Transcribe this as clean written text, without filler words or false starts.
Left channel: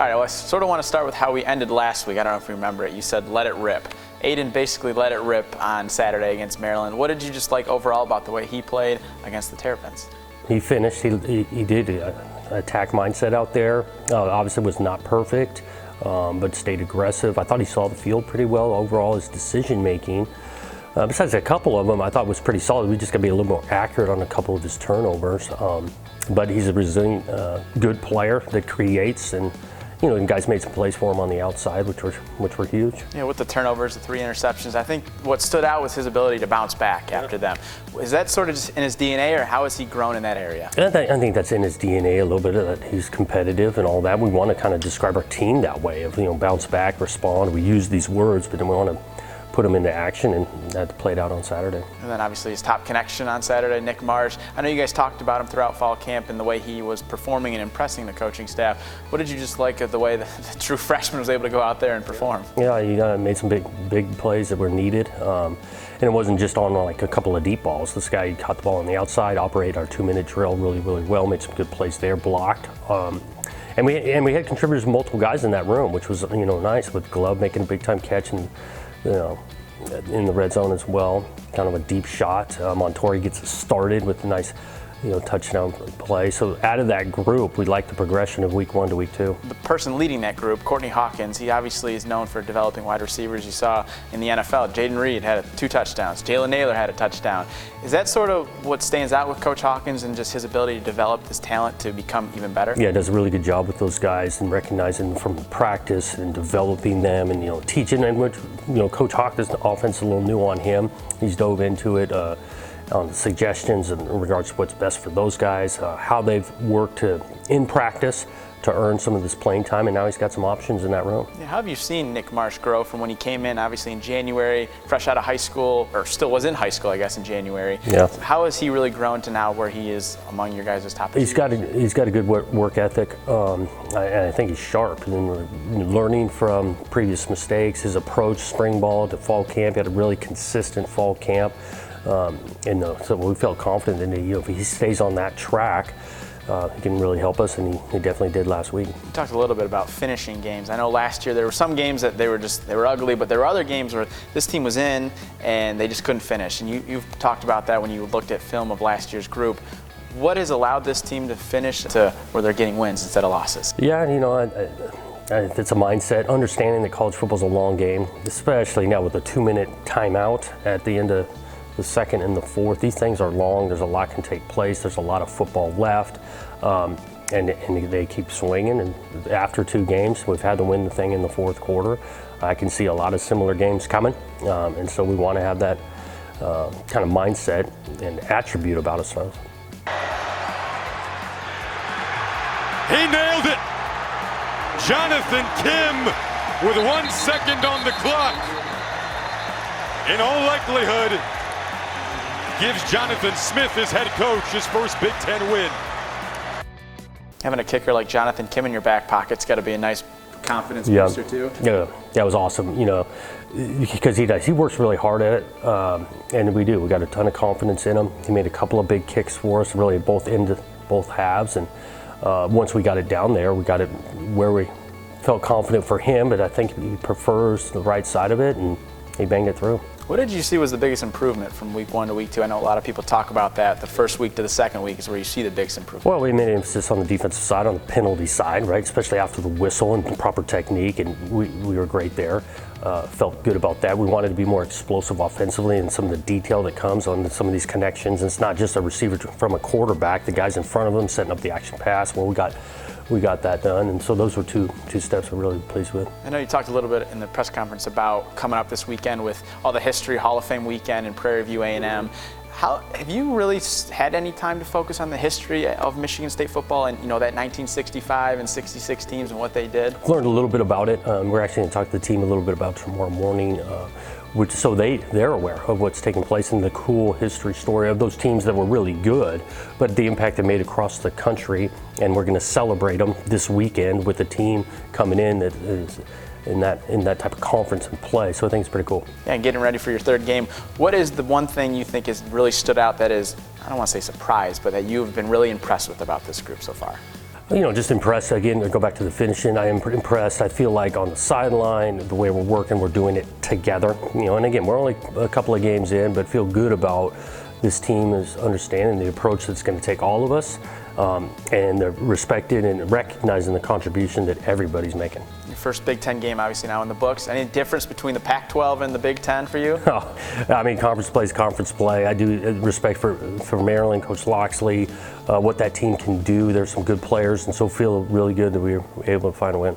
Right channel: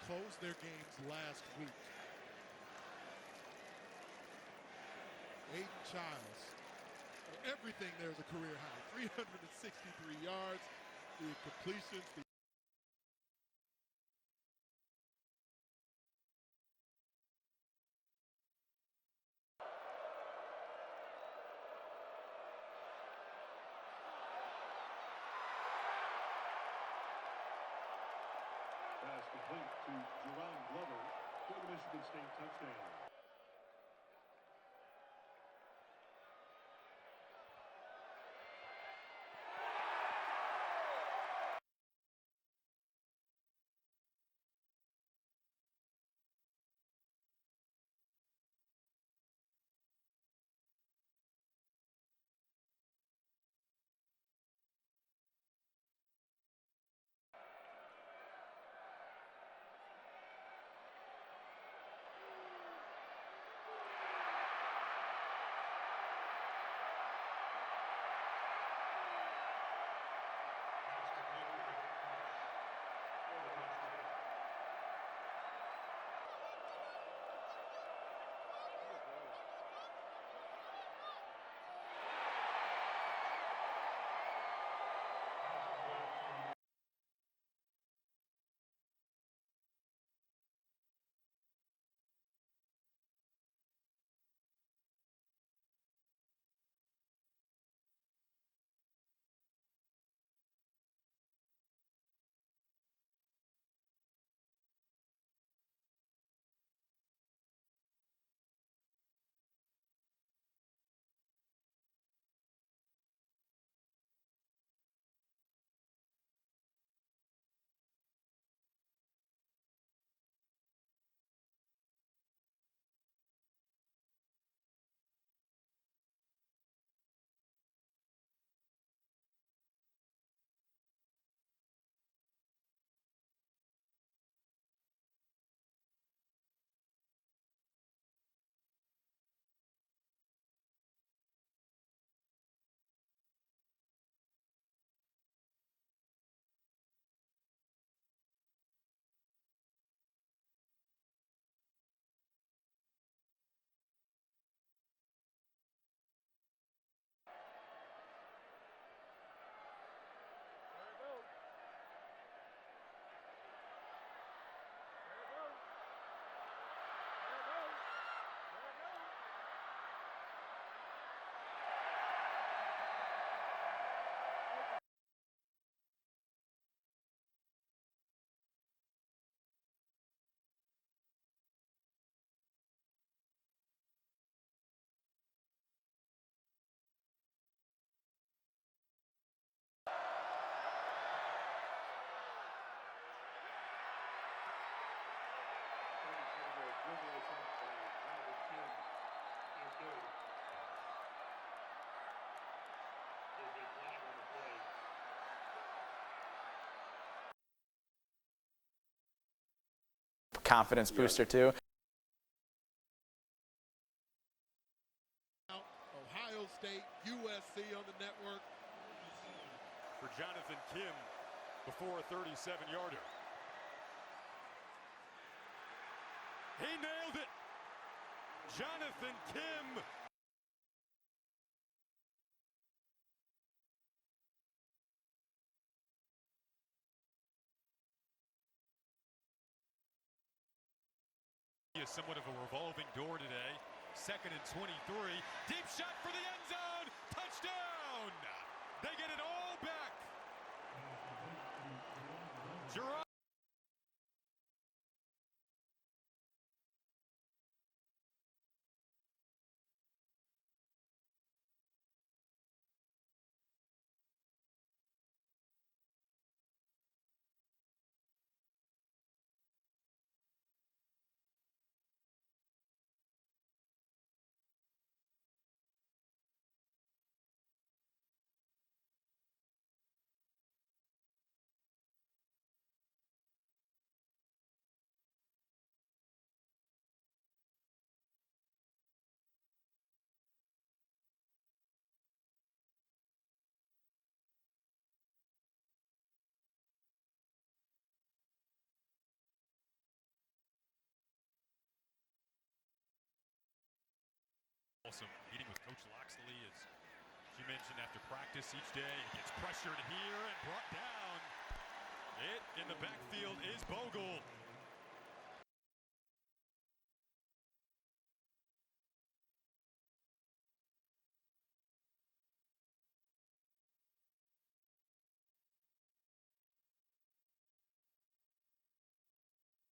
All right, well, I sort of want to start with how we ended last week. I don't know if you remember it. You said let it rip. Aiden basically let it rip on Saturday against Maryland. What did you just like overall about the way he played against the Terrapins? He finished. He did attack mindset out there. Obviously was not perfect, but stayed aggressive. I thought he saw the field pretty well. Overall, his decision making, besides a couple of them, I thought was pretty solid. We just got to be a little more accurate on a couple of his turnovers. But he's a resilient, good player that creates, and and guys made some plays for him on the outside, which were huge. Yeah, with the turnovers, the 3 interceptions, I think what stood out was his ability to bounce back after them. Is that sort of just in his DNA, or how has he grown in that area? I think that's in his DNA a little bit. That he's competitive and all that. We want to kind of describe our team that way of bounce back, respond. We use these words, but then we want to put them into action, and that played out on Saturday. And then obviously his top connection on Saturday, Nick Marsh. I know you guys talked about him throughout fall camp and the way he was performing and impressing the coaching staff. What did you just like of the way the true freshman was able to go out there and perform? Yeah, he made some big plays that were needed. And it wasn't just on like a couple of deep balls. This guy caught the ball on the outside, operated our 2-minute drill really well, made some good plays there, blocked. And we had contributors, multiple guys in that room, which was nice, with Glove making a big time catch and in the red zone as well, kind of a deep shot. Montori gets it started with a nice touchdown play. So out of that group, we like the progression of week 1 to week 2. The person leading that group, Courtney Hawkins, he obviously is known for developing wide receivers. You saw in the NFL, Jaden Reed had 2 touchdowns. Jalen Naylor had a touchdown. Is that sort of what stands out with Coach Hawkins and just his ability to develop this talent to become even better? Yeah, does a really good job with those guys and recognizing them from practice and developing them and teaching them. Which Coach Hawkins' offense is a little new on him. He's dove into it. On suggestions in regards to what's best for those guys, how they've worked in practice to earn some of this playing time, and now he's got some options in that room. Yeah, how have you seen Nick Marsh grow from when he came in, obviously in January, fresh out of high school, or still was in high school, I guess, in January? Yeah. How has he really grown to now where he is among your guys' top? He's got a good work ethic, and I think he's sharp. And learning from previous mistakes, his approach, spring ball to fall camp, he had a really consistent fall camp. So we felt confident that if he stays on that track, he can really help us, and he definitely did last week. You talked a little bit about finishing games. I know last year there were some games that they were ugly, but there were other games where this team was in and they just couldn't finish. And you've talked about that when you looked at film of last year's group. What has allowed this team to finish to where they're getting wins instead of losses? Yeah, it's a mindset, understanding that college football is a long game, especially now with a 2-minute timeout at the end of the second and the fourth. These things are long. There's a lot can take place. There's a lot of football left, and they keep swinging. And after 2 games, we've had to win the thing in the fourth quarter. I can see a lot of similar games coming, and so we want to have that kind of mindset and attribute about ourselves. He nailed it. Jonathan Kim with 1 second on the clock. In all likelihood, gives Jonathan Smith, his head coach, his first Big Ten win. Having a kicker like Jonathan Kim in your back pocket's got to be a nice confidence booster too. Yeah, that was awesome. Because he does. He works really hard at it, and we do. We got a ton of confidence in him. He made a couple of big kicks for us, really both halves. And once we got it down there, we got it where we felt confident for him. But I think he prefers the right side of it, and he banged it through. What did you see was the biggest improvement from week 1 to week 2? I know a lot of people talk about that. The first week to the second week is where you see the biggest improvement. Well, we made an emphasis on the defensive side, on the penalty side, right? Especially after the whistle and proper technique, and we were great there. Felt good about that. We wanted to be more explosive offensively, and some of the detail that comes on some of these connections. It's not just a receiver from a quarterback. The guys in front of him setting up the action pass. Well, we got that done, and so those were two steps we're really pleased with. I know you talked a little bit in the press conference about coming up this weekend with all the history Hall of Fame weekend in Prairie View A&M. How have you really had any time to focus on the history of Michigan State football and that 1965 and 66 teams and what they did? Learned a little bit about it. We're actually going to talk to the team a little bit about tomorrow morning. So they're aware of what's taking place and the cool history story of those teams that were really good, but the impact they made across the country. And we're going to celebrate them this weekend with a team coming in that is in that type of conference and play. So I think it's pretty cool. Yeah, and getting ready for your third game. What is the one thing you think has really stood out that is, I don't want to say surprised, but that you've been really impressed with about this group so far? You know, just impressed. Again, go back to the finishing. I am impressed. I feel like on the sideline, the way we're working, we're doing it together. You know, and again, we're only a couple of games in, but feel good about this team is understanding the approach that's going to take all of us, and they're respected and recognizing the contribution that everybody's making. Your first Big Ten game, obviously now in the books. Any difference between the Pac-12 and the Big Ten for you? Oh, I mean, conference play is conference play. I do respect for Maryland, Coach Loxley, what that team can do. There's some good players, and so feel really good that we were able to find a win.